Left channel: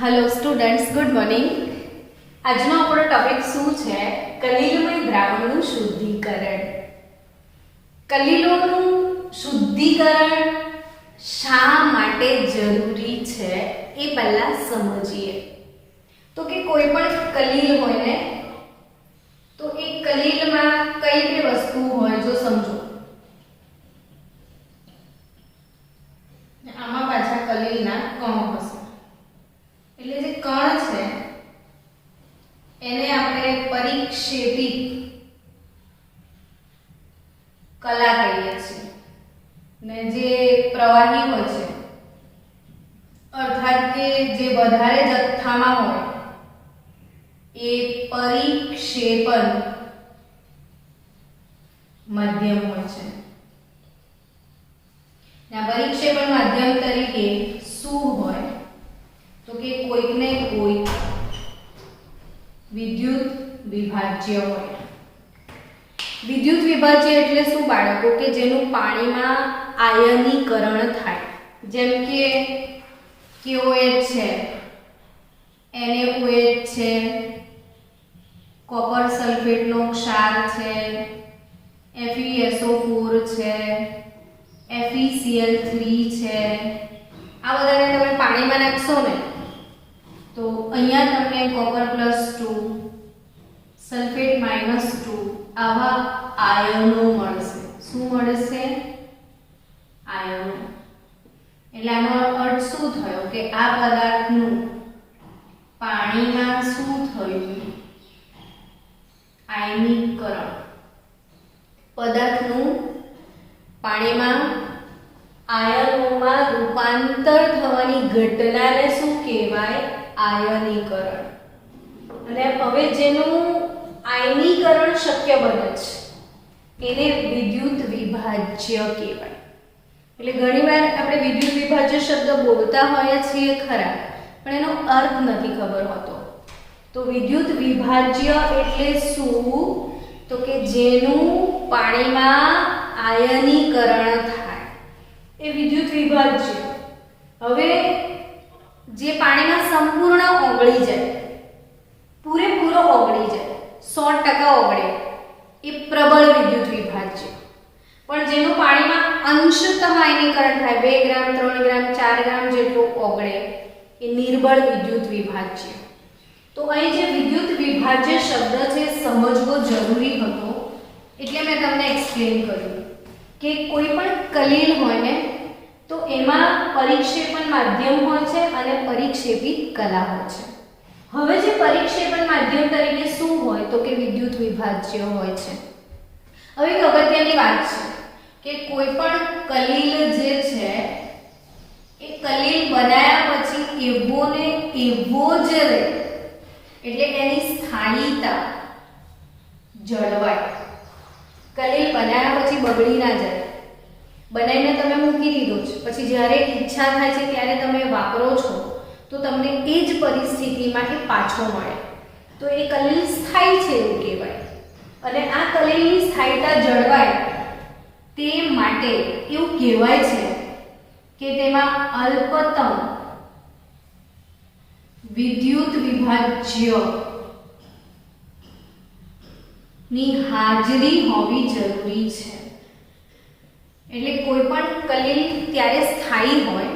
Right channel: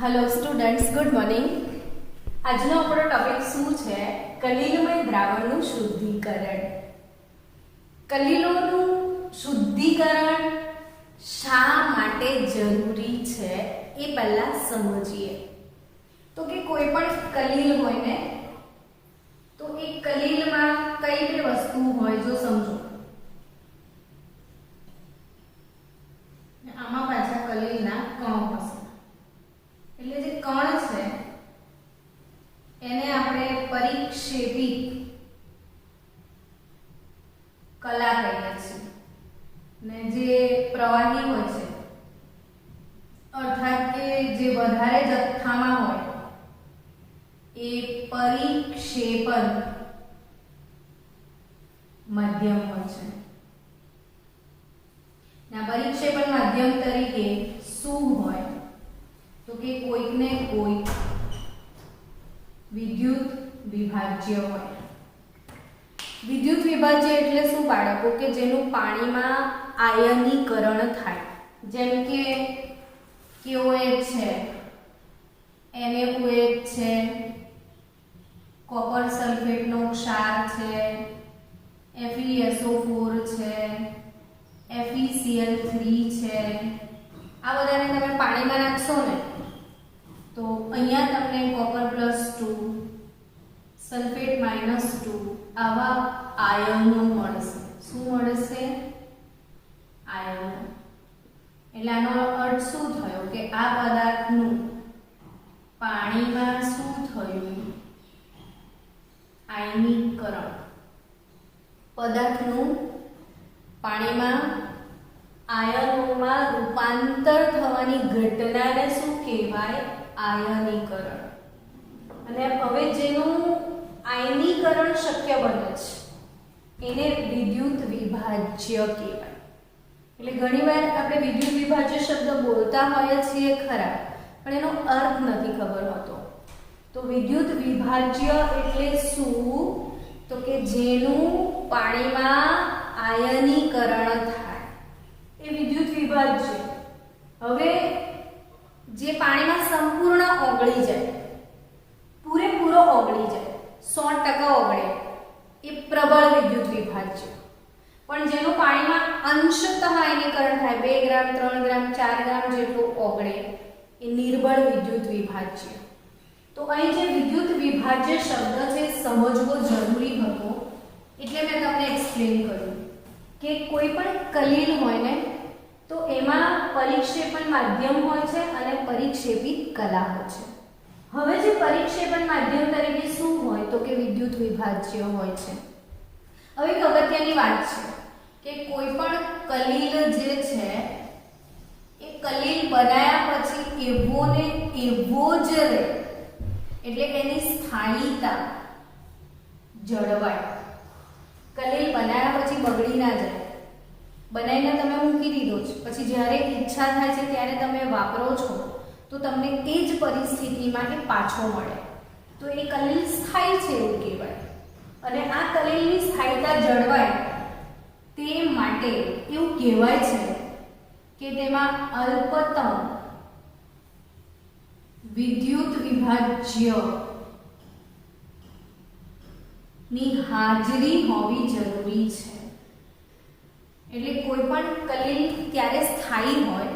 Hello students, good morning. આજનો આપણો topic શું છે? કલીલમય દ્રાવણનું શુદ્ધિકરણ. કલીલોનું શુદ્ધિકરણ શા માટે જરૂરી છે એ પહેલા સમજીએ. તો કે કોઈ પણ કલીલ હોય ને, તો એ કલીલમાં કઈ કઈ વસ્તુ હોય જો સમજો. આમાં પાછા કલીલના કણ હશે, એટલે જે કણ છે એને આપણે પરિક્ષેપિત કલા કહીએ છીએ, ને જે પ્રવાહી હોય છે અર્થાત કે જે વધારે જથ્થામાં હોય એ પરિક્ષેપણ માધ્યમ હોય છે. આ પરિક્ષેપણ માધ્યમ તરીકે શું હોય તો કે કોઈકને કોઈક વિદ્યુત વિભાજ્ય હોય. વિદ્યુત વિભાજ્ય એટલે શું બાળકો? કે જેનું પાણીમાં આયનીકરણ થાય, જેમ કે KOH છે, NaOH છે, કોપર સલ્ફેટનો ક્ષાર છે, FeSO4 છે, FeCl3 છે. આ બધાને તમે પાણીમાં નાખશો ને તો અહીંયા તમને કોપર +2 સલ્ફેટ -2 આવા આયનો મળશે. શું મળશે? આયનો. એટલે આનો અર્થ શું થયો કે આ પદાર્થનું પાણીમાં શું થયું? આયનીકરણ. પદાર્થનું પાણીમાં આયનોમાં રૂપાંતર થવાની ઘટનાને શું કહેવાય? આયનીકરણ. અને હવે જેનું આયનીકરણ શક્ય બને છે એને વિદ્યુત વિભાજ્ય કહેવાય. એટલે ઘણીવાર આપણે વિદ્યુત વિભાજ્ય શબ્દ બોલતા હોઈએ છીએ ખરા, પણ એનો અર્થ નથી ખબર હોતો. તો વિદ્યુત વિભાજ્ય એટલે શું? તો કે જેનું પાણીમાં આયનીકરણ થાય એ વિદ્યુત વિભાજ્ય. હવે જે પાણીમાં સંપૂર્ણ ઓગળી જાય, પૂરેપૂરો ઓગળી જાય, 100% ઓગળે એ પ્રબળ વિદ્યુત વિભાજ્ય. પણ જેનું પાણીમાં અંશતઃ આયનીકરણ થાય, 2 ગ્રામ 3 ગ્રામ 4 ગ્રામ જેટલું ઓગળે એ નિર્બળ વિદ્યુત વિભાજ્ય. તો અહીં જે વિદ્યુત વિભાજ્ય શબ્દ છે સમજવો જરૂરી હતો, એટલે મેં તમને એક્સપ્લેન કર્યું કે કોઈ પણ કલીલ હોય ને તો એમાં પરિક્ષેપણ માધ્યમ હોય છે અને પરિક્ષેપિત કલા હોય છે. હવે જે પરિક્ષેપણ માધ્યમ તરીકે શું હોય તો કે વિદ્યુત વિભાજ્ય હોય છે. હવે એક અગત્યની વાત છે કે કોઈ પણ કલીલ જે છે એ કલીલ બનાવ્યા પછી એવો ને એવો જ રહે, એટલે એની સ્થાયીતા જળવાય. કલીલ બનાવ્યા પછી બગડી ના જાય. બનાવીને તમે મૂકી દીધો છે, પછી જ્યારે ઈચ્છા થાય છે ત્યારે તમે વાપરો છો તો તમને એ જ પરિસ્થિતિમાં એ પાછો મળે, તો એ કલીલ સ્થાયી છે એવું કહેવાય. અને આ કલીલની સ્થાયીતા જળવાય તે માટે એવું કહેવાય છે કે તેમાં અલ્પતમ વિદ્યુત વિભાજ્ય ની હાજરી હોવી જરૂરી છે. એટલે કોઈ પણ કલીલ ત્યારે સ્થાયી હોય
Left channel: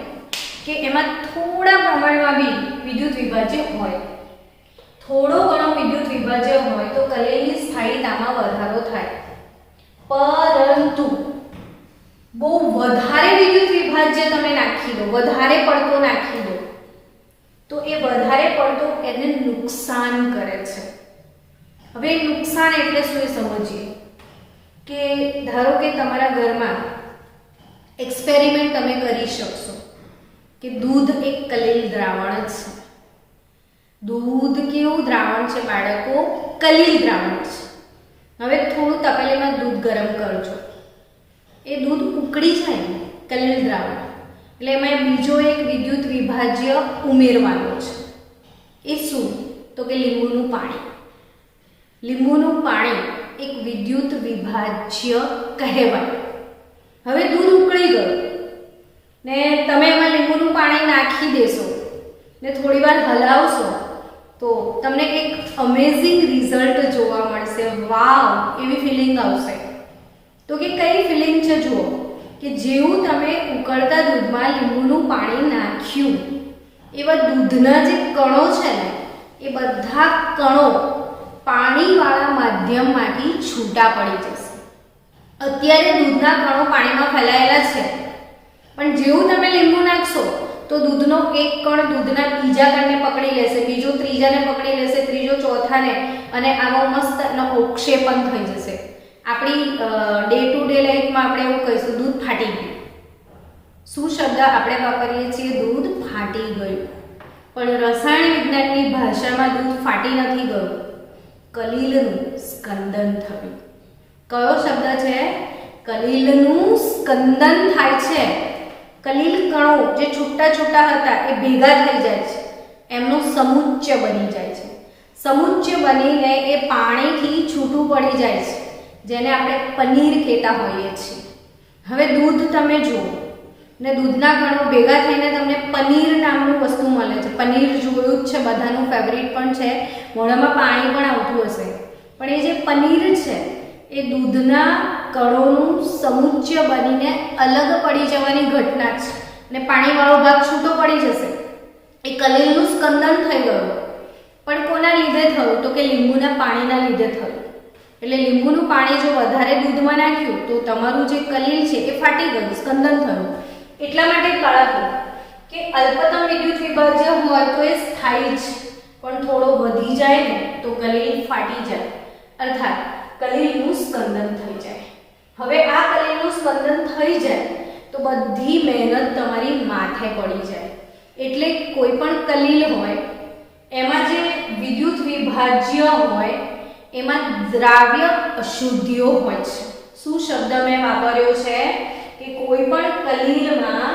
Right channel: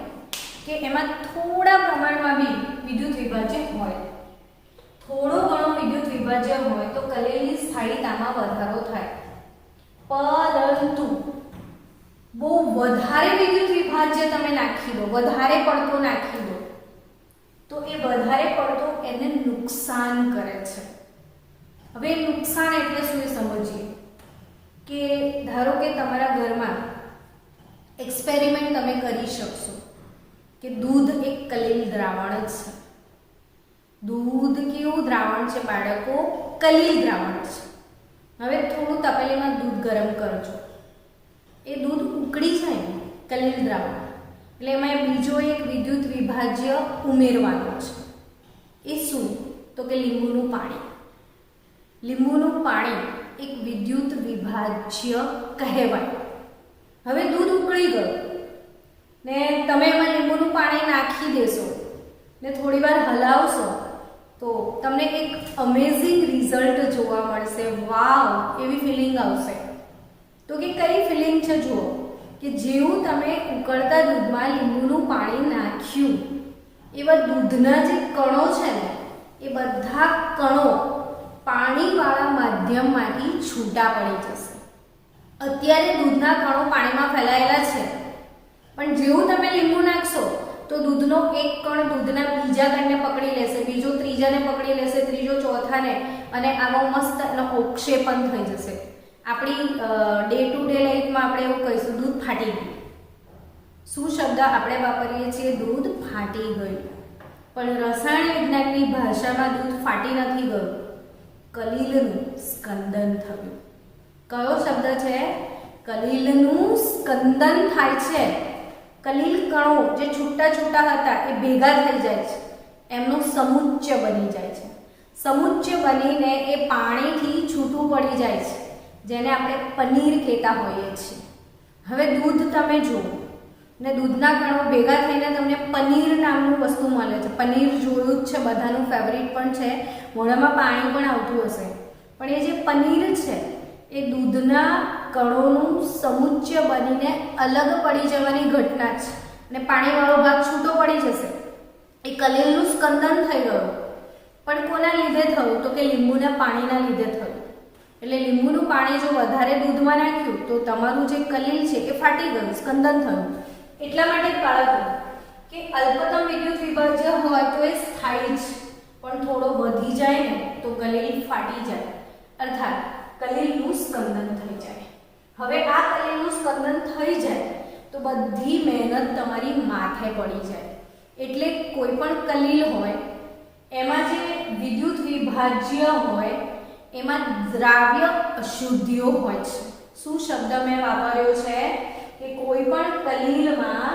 કે એમાં થોડા પ્રમાણમાં બી વિદ્યુત વિભાજ્ય હોય. થોડો ઘણો વિદ્યુત વિભાજ્ય હોય તો કલીલની સ્થાયીતામાં વધારો થાય. પરંતુ બહુ વધારે વિદ્યુત વિભાજ્ય તમે નાખી દો, વધારે પડતો નાખી દો, તો એ વધારે પડતો એને નુકસાન કરે છે. હવે નુકસાન એટલે શું એ સમજીએ. કે ધારો કે તમારા ઘરમાં એક્સપેરિમેન્ટ તમે કરી શકશો કે દૂધ એક કલીલ દ્રાવણ છે. દૂધ કેવું દ્રાવણ છે બાળકો? કલીલ દ્રાવણ છે. હવે થોડું તપેલીમાં દૂધ ગરમ કરજો, એ દૂધ ઉકળી જાય ને કલીલ દ્રાવણ, એટલે એમાં બીજો એક વિદ્યુત વિભાજ્ય ઉમેરવાનો છે. એ શું? તો કે લીંબુનું પાણી. લીંબુનું પાણી એક વિદ્યુત વિભાજ્ય કહેવાય. હવે દૂધ ઉકળી ગયું ને તમે એમાં લીંબુનું પાણી નાખી દેશો ને થોડી વાર હલાવશો તો તમને એક અમેઝિંગ રિઝલ્ટ જોવા મળશે. વાવ એવી ફિલિંગ આવશે. તો કે કઈ ફિલિંગ છે જુઓ, કે જેવું તમે ઉકળતા દૂધમાં લીંબુનું પાણી નાખ્યું એવા દૂધના જે કણો છે ને એ બધા કણો પાણીવાળા માધ્યમમાંથી છૂટા પડી જશે. અત્યારે દૂધના કણો પાણીમાં ફેલાયેલા છે, પણ જેવું તમે લીંબુ નાખશો તો દૂધનો એક કણ દૂધના બીજા કણને પકડી લેશે, બીજો ત્રીજાને પકડી લેશે, ત્રીજો ચોથાને, અને આવો મસ્ત અવક્ષેપણ થઈ જશે. આપણી ડે ટુ ડે લાઈફમાં આપણે એવું કહીશું દૂધ ફાટી ગયું. શું શબ્દ આપણે વાપરીએ છીએ? દૂધ ફાટી ગયું. પણ રસાયણ વિજ્ઞાનની ભાષામાં દૂધ ફાટી નથી ગયું, કલીલનું સ્કંદન થયું. કયો શબ્દ છે? કલીલનું સ્કંદન થાય છે. કલીલ કણો જે છૂટા છૂટા હતા એ ભેગા થઈ જાય છે, એમનું સમુચ્ચય બની જાય છે. સમુચ્ચય બનીને એ પાણીથી છૂટું પડી જાય છે, જેને આપણે પનીર કહેતા હોઈએ છીએ. હવે દૂધ તમે જુઓ ને દૂધના કણો ભેગા થઈને તમને પનીર નામનું વસ્તુ મળે છે. પનીર જોયું જ છે, બધાનું ફેવરિટ પણ છે, મોઢામાં પાણી પણ આવતું હશે. પણ એ જે પનીર છે એ દૂધના કણોનું સમુચ્ચય બનીને અલગ પડી જવાની ઘટના છે અને પાણીવાળો ભાગ છૂટો પડી જશે. એ કલીલનું સ્કંદન થઈ ગયું. પણ કોના લીધે થયું? તો કે લીંબુના પાણીના લીધે થયું. એટલે લીંબુનું પાણી જો વધારે દૂધમાં નાખ્યું તો તમારું જે કલીલ છે એ ફાટી ગયું, સ્કંદન થયું. એટલા માટે કળાતું કે અલ્પતમ વિદ્યુત વિભાજ્ય હોય તો એ સ્થાયી જ, પણ થોડો વધી જાય ને તો કલીલ ફાટી જાય, અર્થાત કલીલનું સ્કંદન થઈ જાય. હવે આ કલીલનું સ્કંદન થઈ જાય તો બધી મહેનત તમારી માથે પડી જાય. એટલે કોઈ પણ કલીલ હોય એમાં જે વિદ્યુત વિભાજ્ય હોય એમાં દ્રાવ્ય અશુદ્ધિઓ હોય છે. શું શબ્દ મેં વાપર્યો છે? કે કોઈ પણ કલીલમાં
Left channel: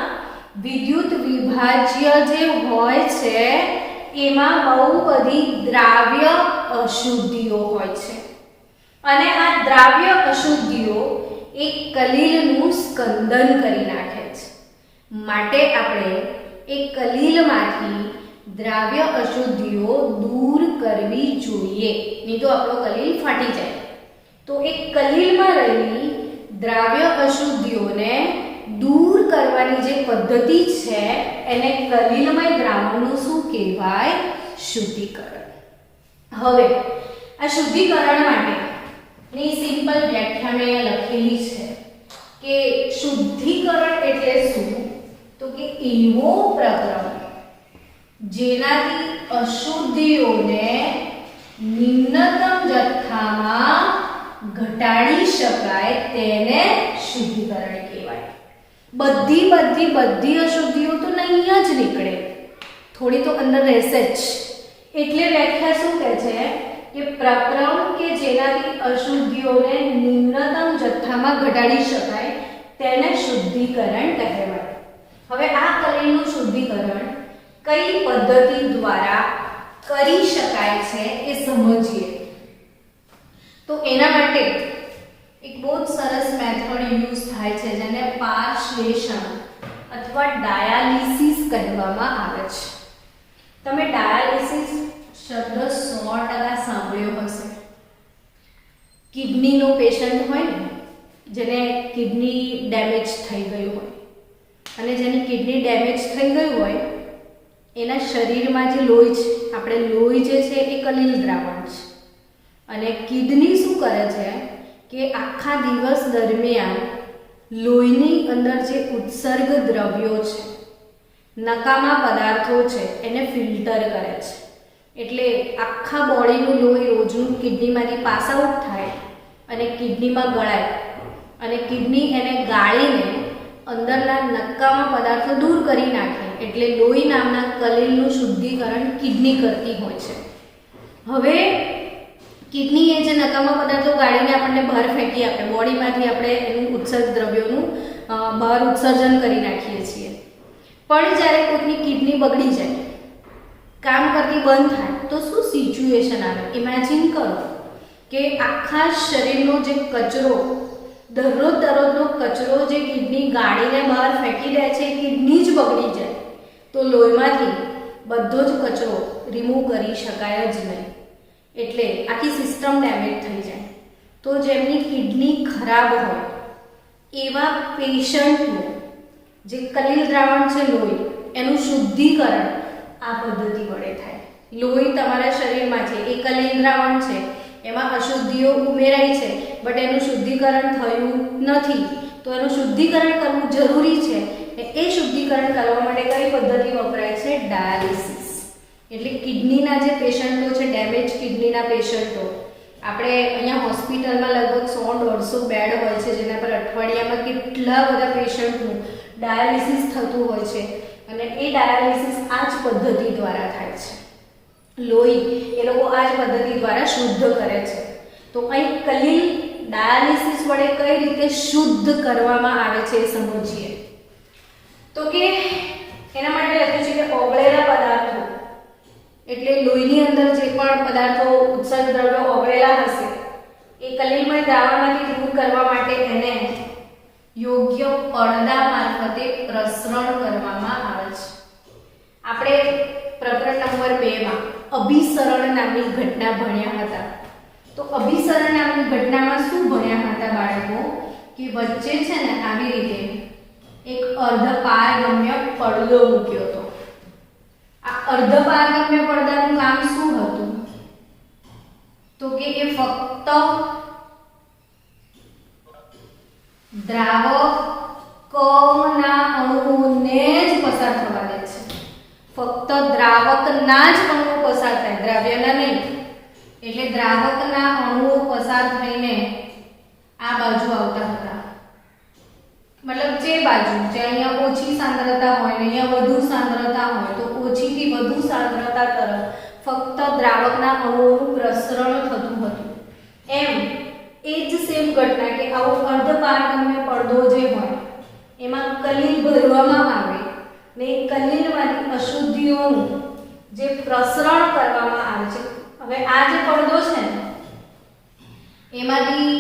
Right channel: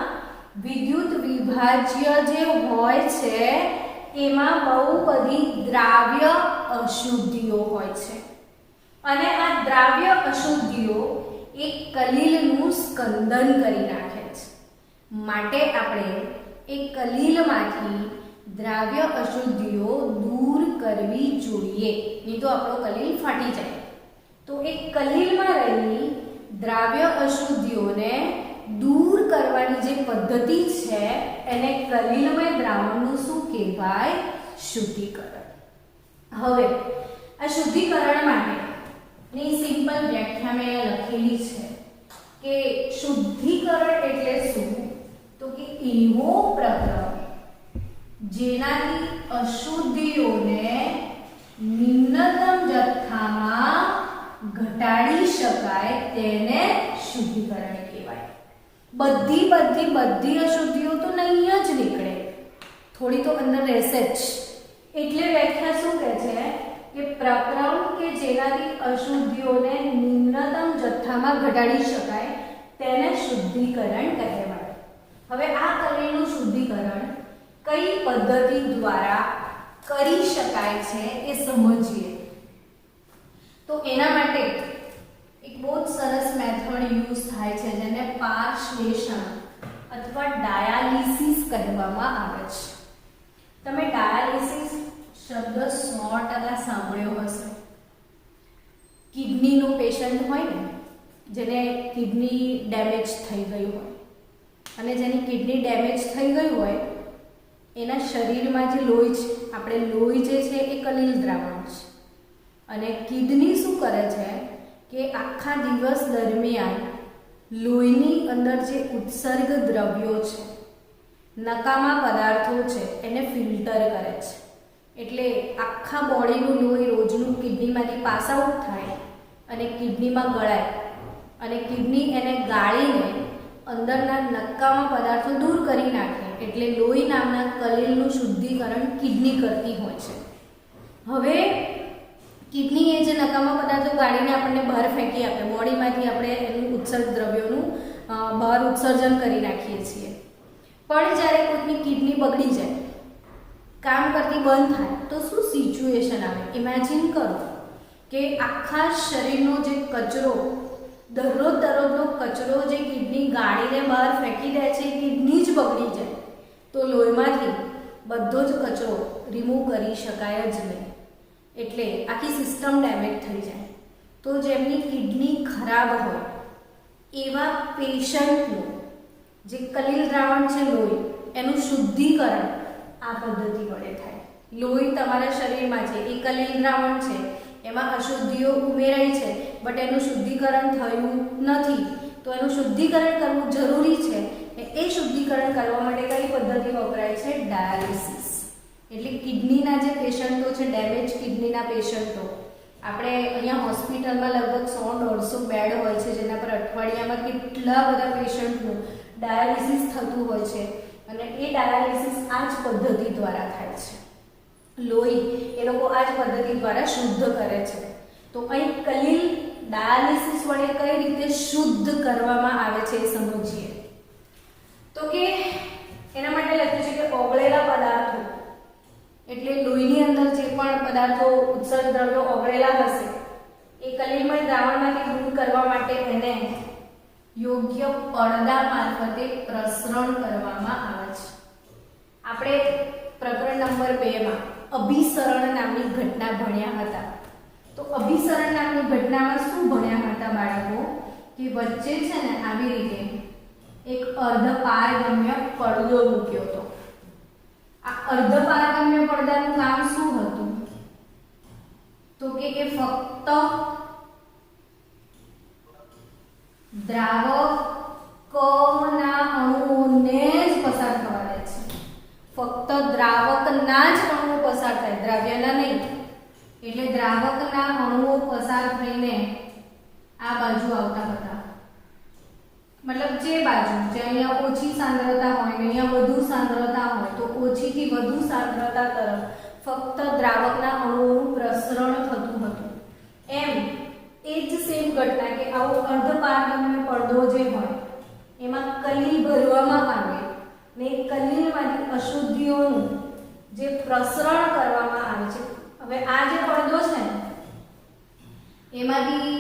વિદ્યુત વિભાજ્ય જે હોય છે એમાં બહુ બધી દ્રાવ્ય અશુદ્ધિઓ હોય છે, અને આ દ્રાવ્ય અશુદ્ધિઓ એક કલીલનું સ્કંદન કરી નાખે છે. માટે આપણે એ કલીલમાંથી દ્રાવ્ય અશુદ્ધિઓ દૂર કરવી જોઈએ, નહીં તો આપણો કલીલ ફાટી જાય. તો એક કલીલમાં રહેલી દ્રાવ્ય અશુદ્ધિઓને દૂર કરવાની જે પદ્ધતિ છે એને કલીલમય દ્રાવણનું શું કહેવાય? શુદ્ધિકરણ. હવે આ શુદ્ધિકરણ માટેની સિમ્પલ વ્યાખ્યા મેં લખેલી છે કે શુદ્ધિકરણ એટલે શું? તો કે એવો પ્રક્રમ જેનાથી અશુદ્ધિઓને નિમ્નતમ જથ્થામાં ઘટાડી શકાય તેને શુદ્ધિકરણ કહેવાય. બધી અશુદ્ધિઓ તો નહીં જ નીકળે, થોડી તો અંદર રહેશે જ. એટલે વ્યાખ્યા શું કહે છે? કે પ્રક્રમ કે જેનાથી અશુદ્ધિઓને નિમ્નતમ જથ્થામાં ઘટાડી શકાય તેને શુદ્ધિકરણ કહેવાય. હવે આ કલીલનું શુદ્ધિકરણ કઈ પદ્ધતિ દ્વારા કરી શકાય છે એ સમજીએ. તો એના માટે એક બહુ જ સરસ મેથડ યુઝ થાય છે જેને પારશ્લેષણ અથવા ડાયાલિસિસ કહેવામાં આવે છે. તમે ડાયાલિસિસ શબ્દ 100% સાંભળ્યો હશે. કિડનીનો પેશન્ટ હોય ને, જેને કિડની ડેમેજ થઈ ગયું હોય, અને જેની કિડની ડેમેજ થઈ ગયું હોય એના શરીરમાં જે લોહી છે, આપણે લોહી જે છે એ કલીલ દ્રાવણ છે. અને કિડની શું કરે છે કે આખા દિવસ દરમિયાન લોહીની અંદર જે ઉત્સર્ગ દ્રવ્યો છે, નકામા પદાર્થો છે, એને ફિલ્ટર કરે છે. એટલે આખા બોડીનું લોહી રોજનું કિડનીમાંથી પાસ આઉટ થાય અને કિડનીમાં ગળાય, અને કિડની એને ગાળીને અંદરના નકામા પદાર્થો દૂર કરી નાખે. એટલે લોહી નામના કલીલનું શુદ્ધિકરણ કિડની કરતી હોય છે. હવે કિડની એ જે નકામા પદાર્થો ગાળીને આપણને બહાર ફેંકી આપે, બોડીમાંથી આપણે એનું ઉત્સર્ગ દ્રવ્યોનું બહાર ઉત્સર્જન કરી નાખીએ છીએ. પણ જ્યારે કોઈની કિડની બગડી જાય, કામ કરતી બંધ થાય, તો શું સિચ્યુએશન આવે? ઇમેજિન કરો કે આખા શરીરનો જે કચરો, દરરોજનો કચરો જે કિડની ગાળીને બહાર ફેંકી દે છે, કિડની જ બગડી જાય તો લોહીમાંથી બધો જ કચરો રિમૂવ કરી શકાય જ નહીં, એટલે આખી સિસ્ટમ ડેમેજ થઈ જાય. તો જેમની કિડની ખરાબ હોય એવા પેશન્ટનું જે કલીલ દ્રાવણ છે લોહી, એનું શુદ્ધિકરણ આ પદ્ધતિ વડે થાય. લોહી તમારા શરીરમાં છે એ કલીલ દ્રાવણ છે, એમાં અશુદ્ધિઓ ઉમેરાઈ છે, બટ એનું શુદ્ધિકરણ થયું નથી. તો એનું શુદ્ધિકરણ કરવું જરૂરી છે. એ શુદ્ધિકરણ કરવા માટે કઈ પદ્ધતિ વપરાય છે? ડાયાલિસિસ. એટલે કિડનીના જે પેશન્ટો છે, ડેમેજ કિડનીના પેશન્ટો, આપણે અહીંયા હોસ્પિટલમાં લગભગ 100-150 બેડ હોય છે, જેના પર અઠવાડિયામાં કેટલા બધા પેશન્ટનું ડાયાલિસિસ થતું હોય છે. અને એ ડાયાલિસિસ આ જ પદ્ધતિ દ્વારા થાય છે. લોહી એ લોકો આ જ પદ્ધતિ દ્વારા શુદ્ધ કરે છે. તો અહીં કલીલ ડાયાલિસિસ વડે કઈ રીતે શુદ્ધ કરવામાં આવે છે એ સમજીએ. તો કે એના માટે લખ્યું છે કે ઓગળેલા પદાર્થો, એટલે લોહીની અંદર જે પણ પદાર્થો ઉત્સર્ગ દ્રવ્યો ઓગળેલા હશે એ કલીલમય દ્રાવણમાંથી દૂર કરવા માટે એને યોગ્ય પડદા મારફતે પ્રસરણ કરવામાં આવે છે. આપણે પ્રકરણ નંબર 2 માં અભિસરણ નામની ઘટના ભણ્યા હતા. તો અભિસરણ નામની ઘટનામાં શું ભણ્યા હતા બાળકો? કે વચ્ચે છે ને આવી રીતે એક અર્ધપારગમ્ય પડદો મૂક્યો હતો. આ અર્ધપારગમ્ય પડદાનું કામ શું હતું? તો કે એ ફક્ત દ્રાવકના અણુઓને જ પસાર થવા દે છે. ફક્ત દ્રાવકના જ અણુઓ પસાર થાય, દ્રવ્યના નહીં. એટલે દ્રાવકના અણુઓ પસાર થઈને આ બાજુ આવતા હતા. મતલબ જે બાજુ જે અહીંયા ઓછી સાંદ્રતા હોય ને અહીંયા વધુ સાંદ્રતા હોય, તો ઓછીથી વધુ સાંદ્રતા તરફ ફક્ત દ્રાવકના અણુઓનું પ્રસરણ થતું હતું. એમ એ જ સેમ ઘટના કે આવો અર્ધપારગમ્ય પડદો જે હોય એમાં કલીલ ભરવામાં આવે ને કલીલમાંથી અશુદ્ધિઓનું જે પ્રસરણ કરવામાં આવે છે. હવે આ જે પડદો છે ને એમાંથી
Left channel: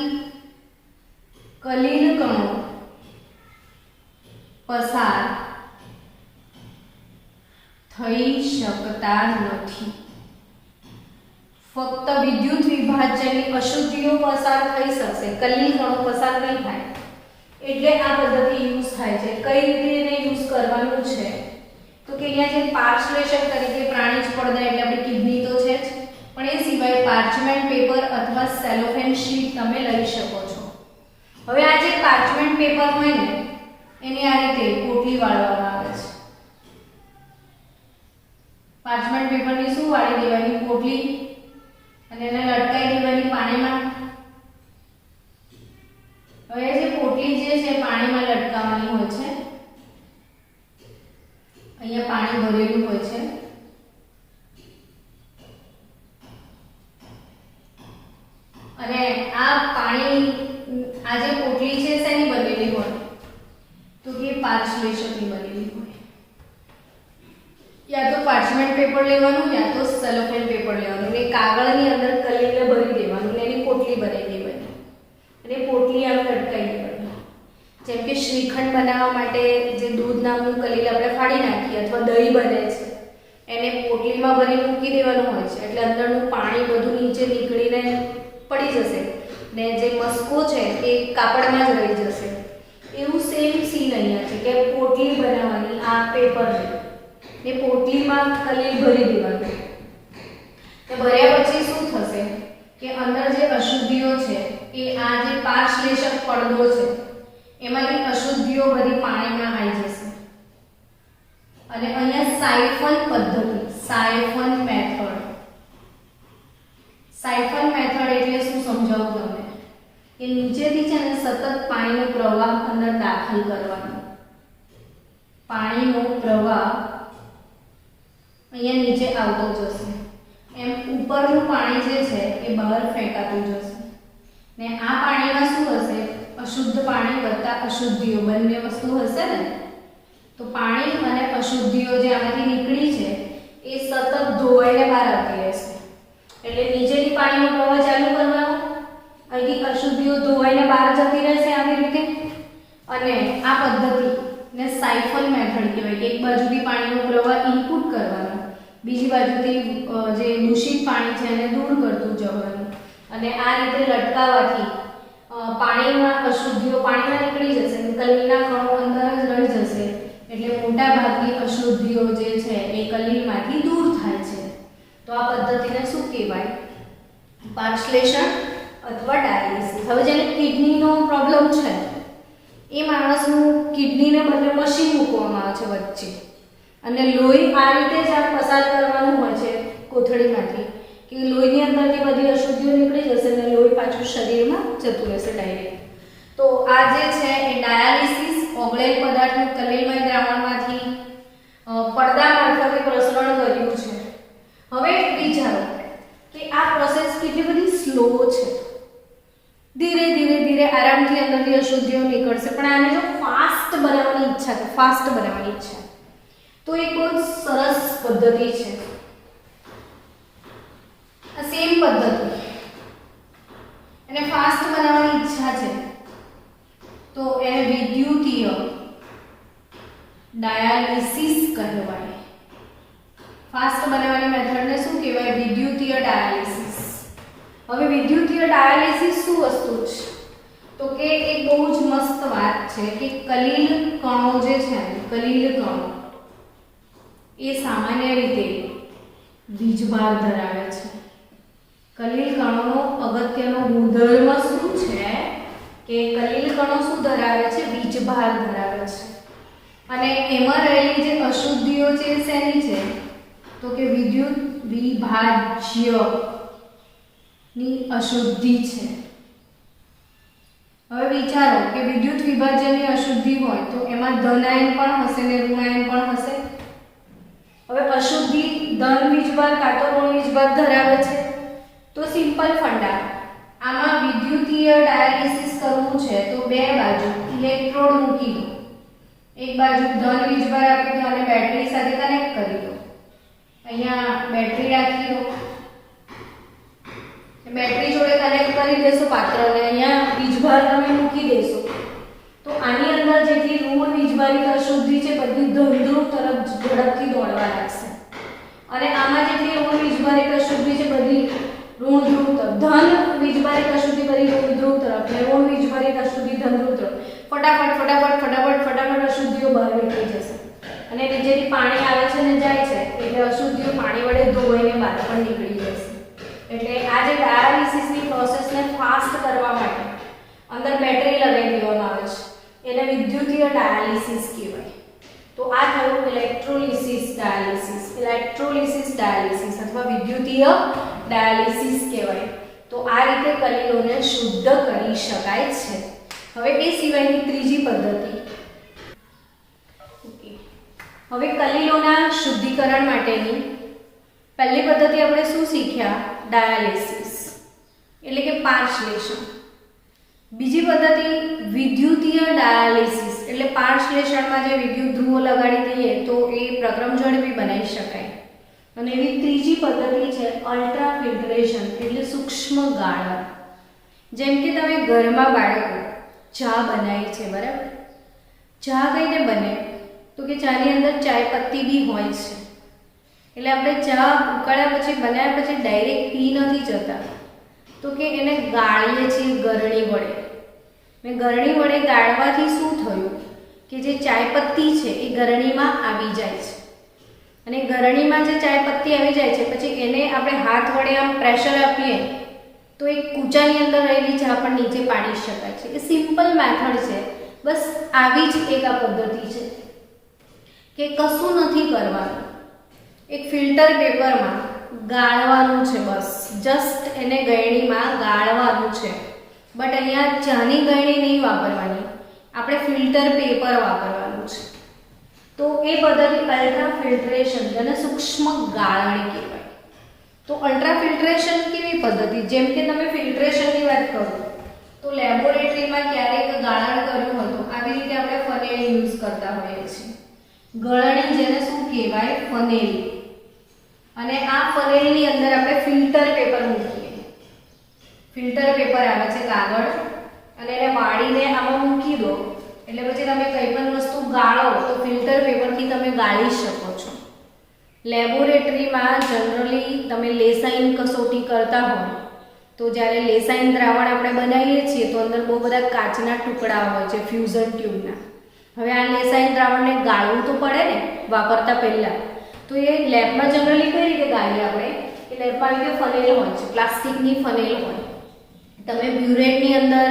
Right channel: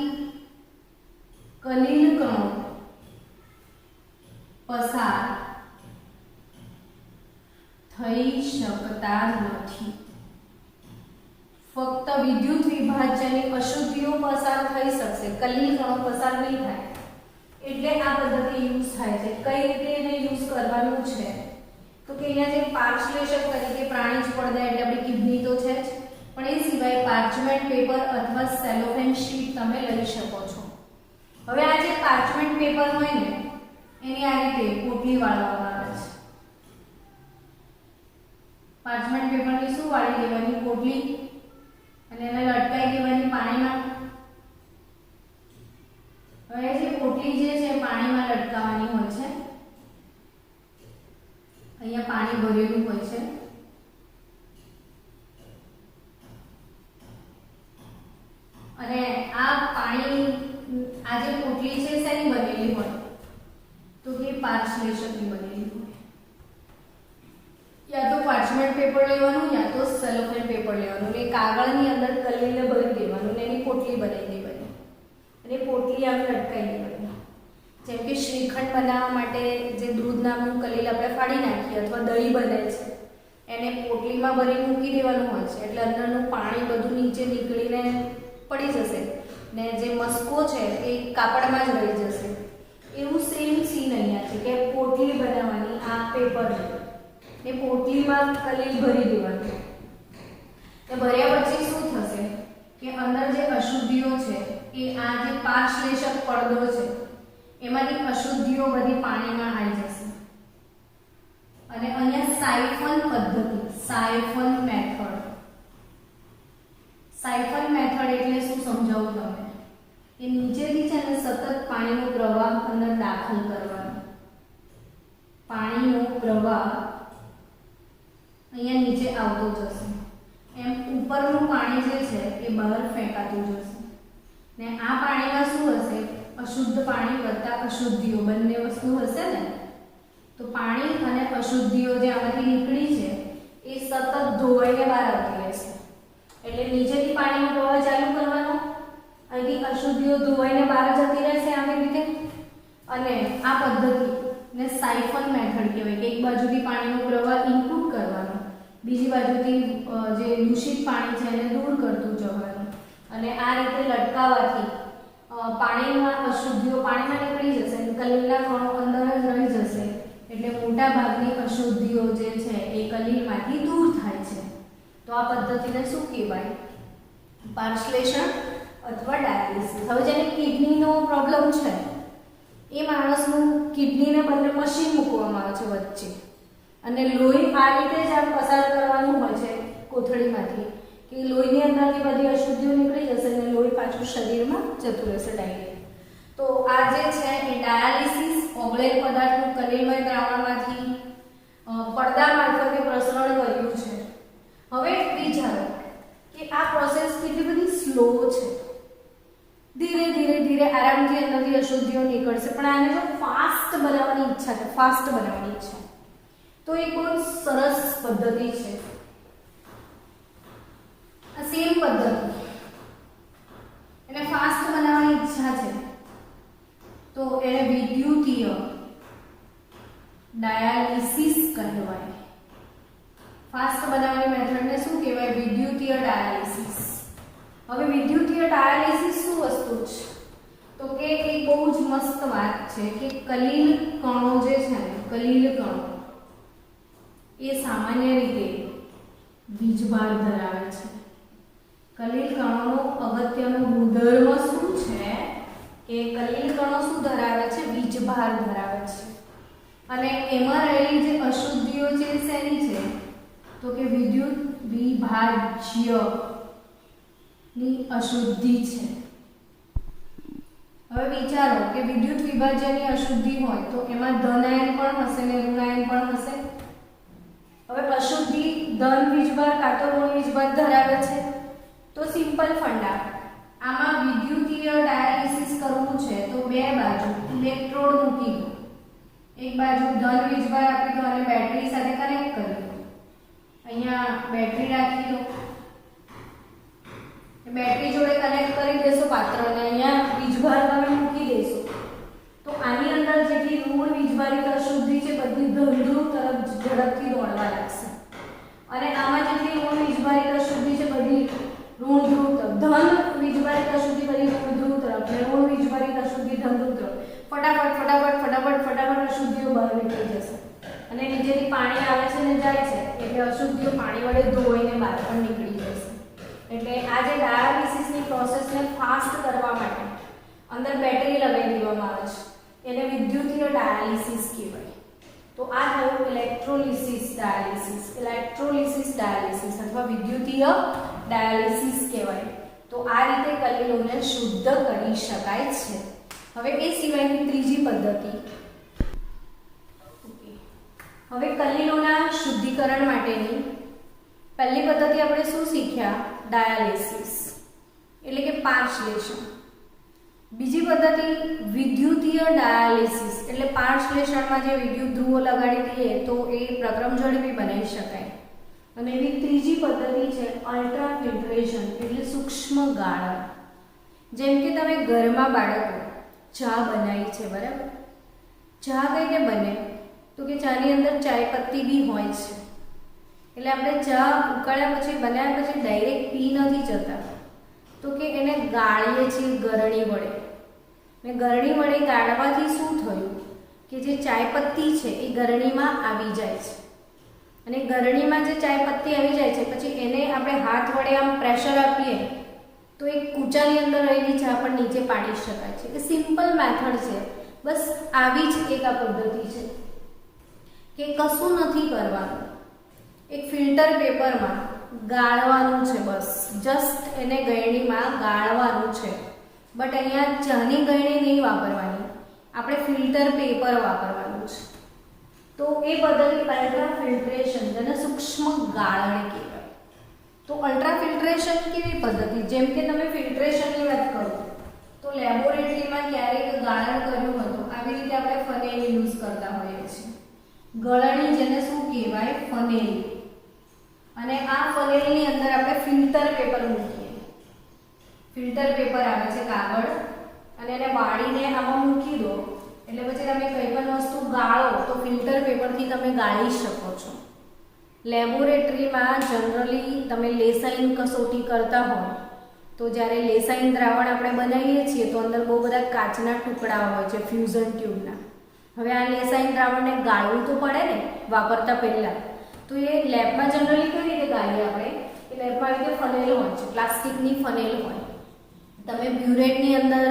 કલીલ કણો પસાર થઈ શકતા નથી. ફક્ત વિદ્યુત વિભાજ્યની અશુદ્ધિઓ પસાર થઈ શકશે, કલીલ કણો પસાર નહીં થાય. એટલે આ પદ્ધતિ યુઝ થાય છે. કઈ રીતે એને યુઝ કરવાનું છે? તો કે અહીંયા જે પાર્શ્લેષક તરીકે પ્રાણી જ પડદા એટલે આપણી કિડની તો છે જ, પણ એ સિવાય પાર્ચમેન્ટ પેપર અથવા સેલોફેન શીટ તમે લઈ શકો છો. હવે આ જે પાર્ચમેન્ટ પેપર હોય ને એની આ રીતે પોટલી વાળવામાં આવે છે. પાર્ચમેન્ટ પેપરની શું વાળી દેવાની? પોટલી, અને એને લટકાઈ દેવાની પાણીમાં. હવે જે પોટલી જે છે પાણીમાં લટકાવવાની હોય છે. અહીંયા પાણી ભરેલું હોય છે અને આ પાણી, આ જે પોટલી છે શેની બનેલી હોય? તો કે પાર્શ્લેષકની બનેલી હોય. યા તો પાર્ચમેન્ટ પેપર લેવાનું યા તો સેલોફેન પેપર લેવાનું ને કાગળની અંદર કલીલને ભરી દેવાનું ને એની પોટલી બનાવી દેવાની અને પોટલી આમ લટકાઈ દેવાની. જેમ કે શ્રીખંડ બનાવવા માટે જે દૂધ નામનું કલીલ આપણે ફાડી નાખીએ અથવા દહીં બને છે એને પોટલીમાં ભરી મૂકી દેવાનું હોય છે, એટલે અંદરનું પાણી બધું નીચે નીકળીને પડી જશે ને જે મસ્કો છે એ કાપડમાં જ રહી જશે. એવું સેમ સીન અહીંયા છે કે પોટલી બનાવવાની, આ પેપર છે ને પોટલીમાં કલીલ ભરી દેવાનું. ને ભર્યા પછી શું થશે કે અંદર જે અશુદ્ધિઓ છે એ આ જે પાર્શ્લેષક પડદો છે એમાંથી અશુદ્ધિઓ બધી પાણીમાં આવી જશે અને અહીંયા સાયફન પદ્ધતિ, સાયફન મેથડ. સાયફન મેથડ એટલે શું સમજાવું તમને? કે નીચેથી છે ને સતત પાણીનો પ્રવાહ અંદર દાખલ કરવાનો. પાણીનો પ્રવાહ અહીંયા નીચે આવતો જશે, એમ ઉપરનું પાણી જે છે એ બહાર ફેંકાતું જશે ને આ પાણીમાં શું હશે? અશુદ્ધ પાણી વત્તા અશુદ્ધિઓ બંને વસ્તુ હશે ને. તો પાણી અને અશુદ્ધિઓ જે આમાંથી નીકળી છે એ સતત ધોવાઈને બહાર આવતી રહેશે. એટલે નીચેથી પાણીનો પ્રવાહ ચાલુ કરવાનો, અહીંથી અશુદ્ધિઓ ધોવાઈને બહાર જતી રહેશે આવી રીતે. અને આ પદ્ધતિને સાયફન મેથડ કહેવાય કે એક બાજુથી પાણીનો પ્રવાહ ઇનપુટ કરવાનો બીજી બાજુથી જે દૂષિત પાણી છે એને દૂર કરતું જવાનું અને આ રીતે લટકાવવાથી પાણીમાં અશુદ્ધિઓ પાણીમાં નીકળી જશે અને કલીલના કણો અંદર જ રહી જશે એટલે મોટા ભાગની અશુદ્ધિઓ જે છે એ કલીલમાંથી દૂર થાય છે. તો આ પદ્ધતિને શું કહેવાય? પાર્શ્લેષણ અથવા ડાયાલિસિસ. હવે જેને કિડનીનો પ્રોબ્લેમ છે એ માણસનું કિડનીને બદલે મશીન મૂકવામાં આવે છે વચ્ચે અને લોહી આ રીતે જ આમ પસાર કરવાનું હોય છે કોથળીમાંથી કે લોહીની અંદરથી બધી અશુદ્ધિઓ નીકળી જશે અને લોહી પાછું શરીરમાં જતું રહેશે ડાયરેક્ટ. તો આ જે છે એ ડાયાલિસિસ ઓગળેલ પદાર્થનું કલીલમય દ્રાવણમાંથી પડદા મારફતે પ્રસરણ કર્યું છે. હવે વિચારો કે આ પ્રોસેસ કેટલી બધી સ્લો છે. ધીરે ધીરે ધીરે આરામથી અંદરથી અશુદ્ધિઓ નીકળશે પણ આને જો ફાસ્ટ બનાવવાની ઈચ્છા છે, ફાસ્ટ બનાવવાની ઈચ્છા તો એક બહુ સરસ પદ્ધતિ છે. આ સેમ પદ્ધતિ એને ફાસ્ટ બનાવવાની ઈચ્છા છે તો એને વિદ્યુતીય ડાયાલિસિસ કહેવાય. ફાસ્ટ બનાવવાની મેથડને શું કહેવાય? વિદ્યુતીય ડાયાલિસિસ. હવે વિદ્યુતીય ડાયાલિસિસ શું વસ્તુ છે? તો કે એક બહુ જ મસ્ત વાત છે કે કલીલ કણો જે છે કલીલ કણો એ સામાન્ય રીતે વીજભાર ધરાવે છે. કલીલ કણોનો અગત્યનો ગુણધર્મ શું છે કે કલીલ કણો શું ધરાવે છે? વીજભાર ધરાવે છે અને એમાં રહેલી જે અશુદ્ધિઓ છે એ શેની છે? તો કે વિદ્યુત વિભાજ્ય ની અશુદ્ધિ છે. હવે વિચારો કે વિદ્યુત વિભાજ્યની અશુદ્ધિ હોય તો એમાં ધનાયન પણ હશે ને ઋણાયન પણ હશે. હવે અશુદ્ધિ ધન વીજભાર કાં તો ઋણ વીજભાર ધરાવે છે તો સિમ્પલ ફંડા આમાં વિદ્યુતીય ડાયાલિસિસ કરવું છે તો બે બાજુ ઇલેક્ટ્રોડ મૂકી દો. એક બાજુ ધન વીજભાર આપી દો અને બેટરી સાથે કનેક્ટ કરી દો. અહીંયા બેટરી રાખી દો, બેટરી જોડે કનેક્ટ કરી દેશો પાત્રને, અહીંયા વીજભાર તમે મૂકી દેશો તો આની અંદર જેટલી ઋણ વીજભારિત અશુદ્ધિ છે બધી ધન તરફ ઝડપથી દોડવા લાગશે અને આમાં જેટલી ઋણ વીજભારિત અશુદ્ધિ છે બધી ઋણ ધ્રુવ તરફ, ધન વીજભારિત અશુદ્ધિ બધી ઋણ ધ્રુવ તરફ ને ઋણ વીજભારિત અશુદ્ધિ ધન ધ્રુવ તરફ. ફટાફટ ફટાફટ ફટાફટ ફટાફટ અશુદ્ધિઓ બહાર નીકળી જશે અને નીચેથી પાણી આવે છે ને જાય છે એટલે અશુદ્ધિઓ પાણી વડે ધોઈને બહાર પણ નીકળી જશે. એટલે આ જે ડાયાલિસિસની પ્રોસેસને ફાસ્ટ કરવા માટે અંદર બેટરી લગાવી દેવામાં આવે છે એને વિદ્યુતીય ડાયાલિસિસ કહેવાય. તો આ થયું ઇલેક્ટ્રોલિસિસ ડાયાલિસિસ. ઇલેક્ટ્રોલિસિસ ડાયાલિસિસ અથવા વિદ્યુતીય ડાયાલિસિસ કહેવાય. તો આ રીતે કલીલોને શુદ્ધ કરી શકાય છે. હવે એ સિવાયની ત્રીજી પદ્ધતિ. હવે કલીલોના શુદ્ધિકરણ માટેની પહેલી પદ્ધતિ આપણે શું શીખ્યા? ડાયાલિસિસ એટલે કે પાર્શ્લેષણ. બીજી પદ્ધતિ વિદ્યુતીય ડાયાલિસિસ એટલે પાર્શ્લેષણમાં જે વિદ્યુત ધ્રુવો લગાડી દઈએ તો એ પ્રક્રમ ઝડપી બનાવી શકાય. અને એવી ત્રીજી પદ્ધતિ છે અલ્ટ્રા ફિલ્ટરેશન એટલે સૂક્ષ્મ ગાળણ. જેમ કે તમે ઘરમાં બાળકો ચા બનાવી છે, બરાબર? ચા કઈ રીતે બને? તો કે ચાની અંદર ચાય પત્તી બી હોય છે એટલે આપણે ચા ઉકાળ્યા પછી બનાવ્યા પછી ડાયરેક્ટ પી નથી જતા તો કે એને ગાળીએ છીએ ગરણી વડે. મેં ગરણી વડે ગાળવાથી શું થયું કે જે ચાય પત્તી છે એ ગરણીમાં આવી જાય છે અને ગરણીમાં જે ચાય પત્તી આવી જાય છે પછી એને આપણે હાથ વડે આમ પ્રેશર આપીએ તો એક કૂચાની અંદર રહેલી ચા પણ નીચે પાડી શકાય છે. એ સિમ્પલ મેથડ છે. બસ આવી જ એક આ પદ્ધતિ છે કે કશું નથી કરવાનું, એક ફિલ્ટર પેપરમાં ગાળવાનું છે. બસ જસ્ટ એને ગળણીમાં ગાળવાનું છે. બટ અહીંયા ચાની ગળણી નહીં વાપરવાની, આપણે ફિલ્ટર પેપર વાપરવાનું છે. તો એ પદ્ધતિ અલ્ટ્રા ફિલ્ટ્રેશન જેને સૂક્ષ્મ ગાળણી કહેવાય. તો અલ્ટ્રા ફિલ્ટ્રેશન કેવી પદ્ધતિ? જેમ કે તમે ફિલ્ટ્રેશનની વાત કરો તો લેબોરેટરીમાં ક્યારેક ગાળણ કર્યું હતું આવી રીતે આપણે ફનેલ યુઝ કરતા હોઈએ છીએ. ગળણી જેને શું કહેવાય? ફનેલ. અને આ ફનેલની અંદર આપણે ફિલ્ટર પેપર મૂકીએ. ફિલ્ટર પેપર આવે છે કાગળ અને એને વાળીને આમાં મૂકી દો એટલે પછી તમે કંઈ પણ વસ્તુ ગાળો તો ફિલ્ટર પેપરથી તમે ગાળી શકો છો. લેબોરેટરીમાં જનરલી તમે લેસાઈન કસોટી કરતા હોય તો જ્યારે લેસાઈન દ્રાવણ આપણે બનાવીએ છીએ તો અંદર બહુ બધા કાચના ટુકડા હોય છે ફ્યુઝન ટ્યુબના. હવે આ લેસાઈન દ્રાવણને ગાળવું તો પડે ને વાપરતા પહેલાં. તો એ લેબમાં જનરલી કઈ રીતે ગાળીએ આપણે? એ લેબમાં રીતે ફનેલ હોય છે, પ્લાસ્ટિકની ફનેલ હોય. તમે બ્યુરેટની અંદર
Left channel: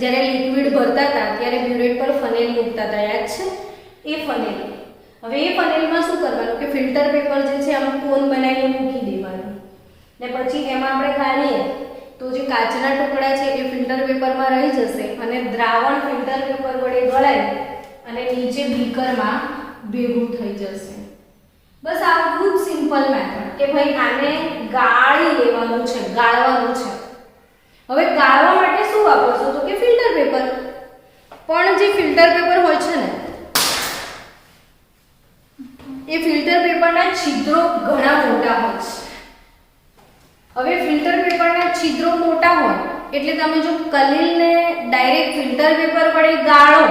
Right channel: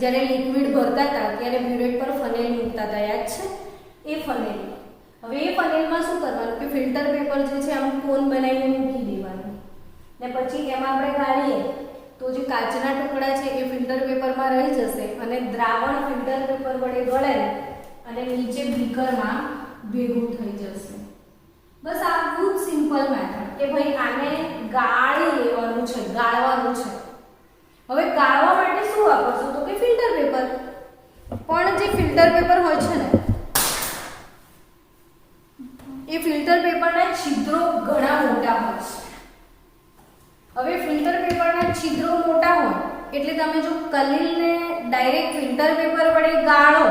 જ્યારે લિક્વિડ ભરતા હતા ત્યારે બ્યુરેટ પર ફનેલ મૂકતા હતા, યાદ છે? એ ફનેલ. હવે એ ફનેલમાં શું કરવાનું કે ફિલ્ટર પેપર જે છે આમ કોન બનાવીને મૂકી દેવાનું ને પછી એમાં આપણે ગાળીએ તો જે કાચના ટુકડા છે એ ફિલ્ટર પેપરમાં રહી જશે અને દ્રાવણ ફિલ્ટર પેપર વડે ગળાય અને નીચે બીકરમાં ભેગું થઈ જશે. બસ આટલું જ સિમ્પલ મેથડ કે ભાઈ આને ગાળી લેવાનું છે, ગાળવાનું છે. હવે ગાળવા માટે શું વાપરશું તો કે ફિલ્ટર પેપર. પણ જે ફિલ્ટર પેપર હોય છે ને એ ફિલ્ટર પેપરના છિદ્રો ઘણા મોટા હોય છે. હવે ફિલ્ટર પેપરના છિદ્રો મોટા હોય એટલે તમે જો કલીલને ડાયરેક્ટ ફિલ્ટર પેપર વડે ગાળો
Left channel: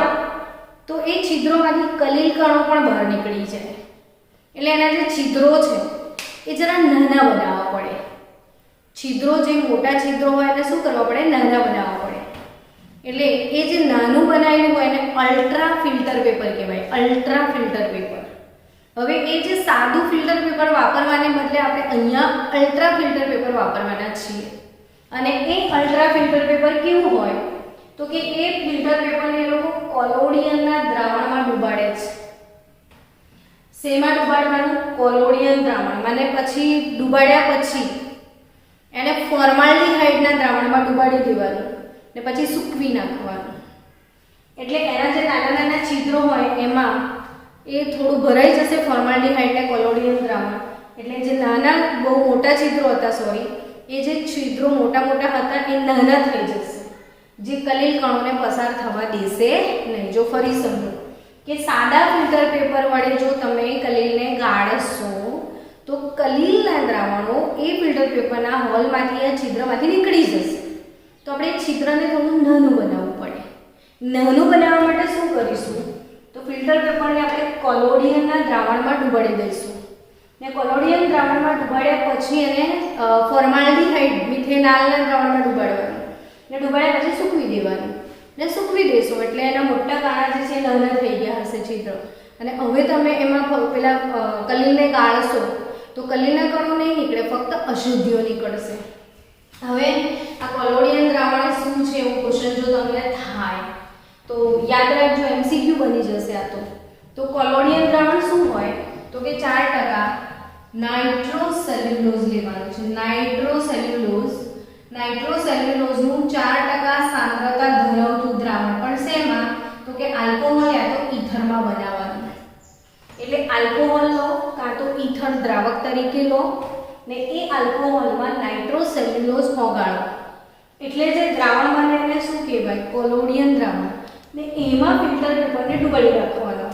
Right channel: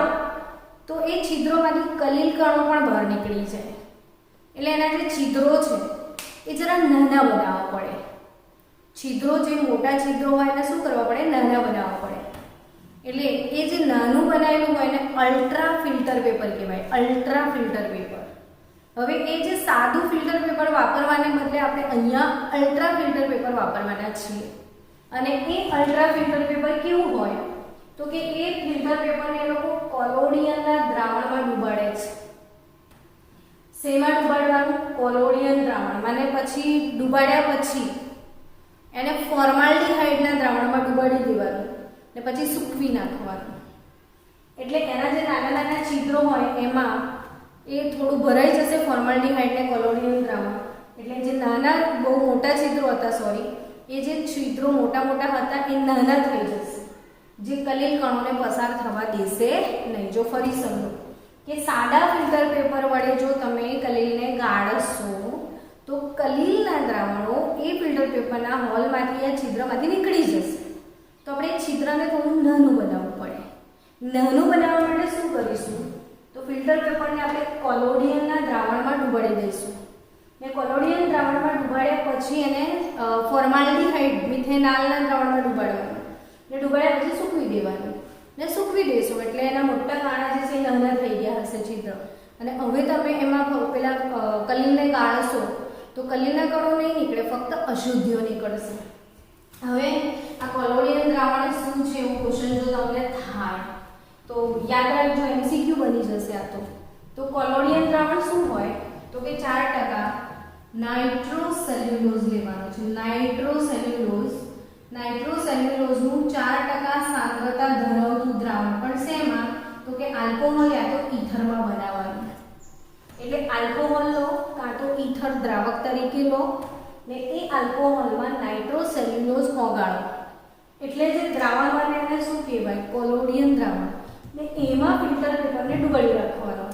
તો એ છિદ્રોમાંથી કલીલ કણો પણ બહાર નીકળી જાય. એટલે એના જે છિદ્રો છે એ જરા નાના બનાવવા પડે. છિદ્રો જે મોટા છિદ્રો હોય એને શું કરવા પડે? નાના બનાવવા પડે. એટલે એ જે નાનું બનાવેલું હોય એને અલ્ટ્રા ફિલ્ટર પેપર કહેવાય, અલ્ટ્રા ફિલ્ટર પેપર. હવે એ જે સાદું ફિલ્ટર પેપર વાપરવાને બદલે આપણે અહીંયા અલ્ટ્રા ફિલ્ટર પેપર વાપરવાના છીએ. અને એ અલ્ટ્રા ફિલ્ટર પેપર કેવું હોય તો કે એ ફિલ્ટર પેપરને એ લોકો કોલોડિયનના દ્રાવણમાં ડુબાડે છે. શેમાં ડુબાડવાનું? કોલોડિયન દ્રાવણમાં. અને પછી ડુબાડ્યા પછી એને ફોર્માલ્ડીહાઇડના દ્રાવણમાં ડુબાડી દેવાનું ને પછી સૂકવી નાખવાનું. એટલે એના જે નાના નાના છિદ્રો હોય એમાં એ થોડું ભરાઈ જશે ફોર્માલ્ડીહાઇડ ને કોલોડિયન દ્રાવણ. એટલે જે નાના બહુ મોટા છિદ્રો હતા એ જે છિદ્રો મોટા મોટા હતા એ નાના થઈ જશે, જે કલીલ કણોને પસાર થવા દેશે નહીં. જો ફરી સમજો કે સાદા ફિલ્ટર પેપર વડે જો તમે કલીલને ગાળશો તો કલીલના દ્રાવણો એ ફિલ્ટર પેપરના હોલમાંથી આ છિદ્રમાંથી નીકળી જશે. તો આપણે એ છિદ્રને થોડું નાનું બનાવવું પડે. નાનું બનાવવા માટે શું કરીશું તો ફિલ્ટર પેપરને આપણે કોલોડિયનના દ્રાવણમાં ડુબાડી દઈશું ને કોલોડિયન દ્રાવણમાં ડુબાડ્યા પછી એને ફોર્માલ્ડીહાઇડ મિથેનોલના દ્રાવણમાં ડુબાડવાનું ને ડુબાડ્યા પછી સૂકવી દેવાનું ને સૂકવી દેશો એટલે એના મોટા કાણા જે છે નાના થઈ ગયા હશે છિદ્ર. અને હવે તમે એમાં પેલા કલીલને ગાળશો તો કલીલના કણો નહીં નીકળે, ફક્ત અશુદ્ધિઓ નીકળશે. હવે આ કોલોડિયન દ્રાવણ શું છે એવું ક્વેશ્ચન જો તમને થાય તો યાદ રાખજો, MCQ બની જશે આ. તો કોલોડિયન દ્રાવણ શું હોય તો કે 4% નાઇટ્રોસેલ્યુલોઝ લેવાનું છે. નાઇટ્રોસેલ્યુલોઝનું 4% સાંદ્રતા ધરાવતું દ્રાવણ, પણ શેમાં તો કે આલ્કોહોલ યા તો ઈથરમાં બનાવવાનું. એટલે આલ્કોહોલ લો કાં તો ઈથર દ્રાવક તરીકે લો ને એ આલ્કોહોલમાં નાઇટ્રોસેલ્યુલોઝ ઓગાળો એટલે જે દ્રાવણ બને એને શું કહેવાય? કોલોડિયન દ્રાવણ. ને એમાં ફિલ્ટર પેપરને ડુબાડી રાખવાનો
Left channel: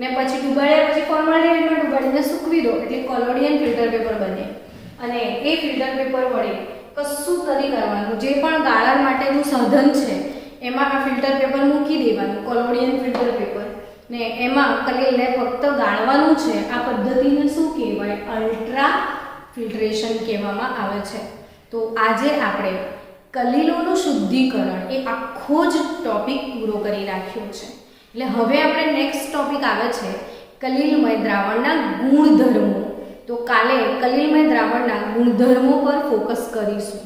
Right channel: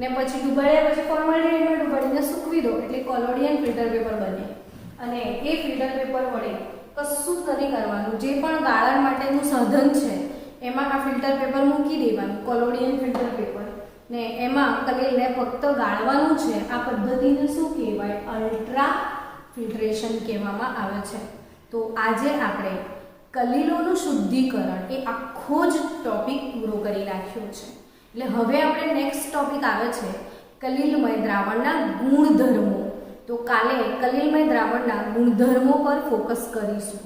ને પછી ડુબાડ્યા પછી ફોર્માલ્ડીહાઇડમાં ડુબાડીને સૂકવી દો એટલે કોલોડિયન ફિલ્ટર પેપર બને. અને એ ફિલ્ટર પેપર વડે કશું નથી કરવાનું, જે પણ ગાળણ માટેનું સાધન છે એમાં આ ફિલ્ટર પેપર મૂકી દેવાનું, કોલોડિયન ફિલ્ટર પેપર, ને એમાં કલીલને ફક્ત ગાળવાનું છે. આ પદ્ધતિને શું કહેવાય? અલ્ટ્રા ફિલ્ટ્રેશન કહેવામાં આવે છે. તો આજે આપણે કલીલોનું શુદ્ધિકરણ એ આખો જ ટોપિક પૂરો કરી નાખ્યો છે. એટલે હવે આપણે નેક્સ્ટ ટોપિક આવે છે કલીલમય દ્રાવણના ગુણધર્મો. તો કાલે કલીલમય દ્રાવણના ગુણધર્મો પર ફોકસ કરીશું.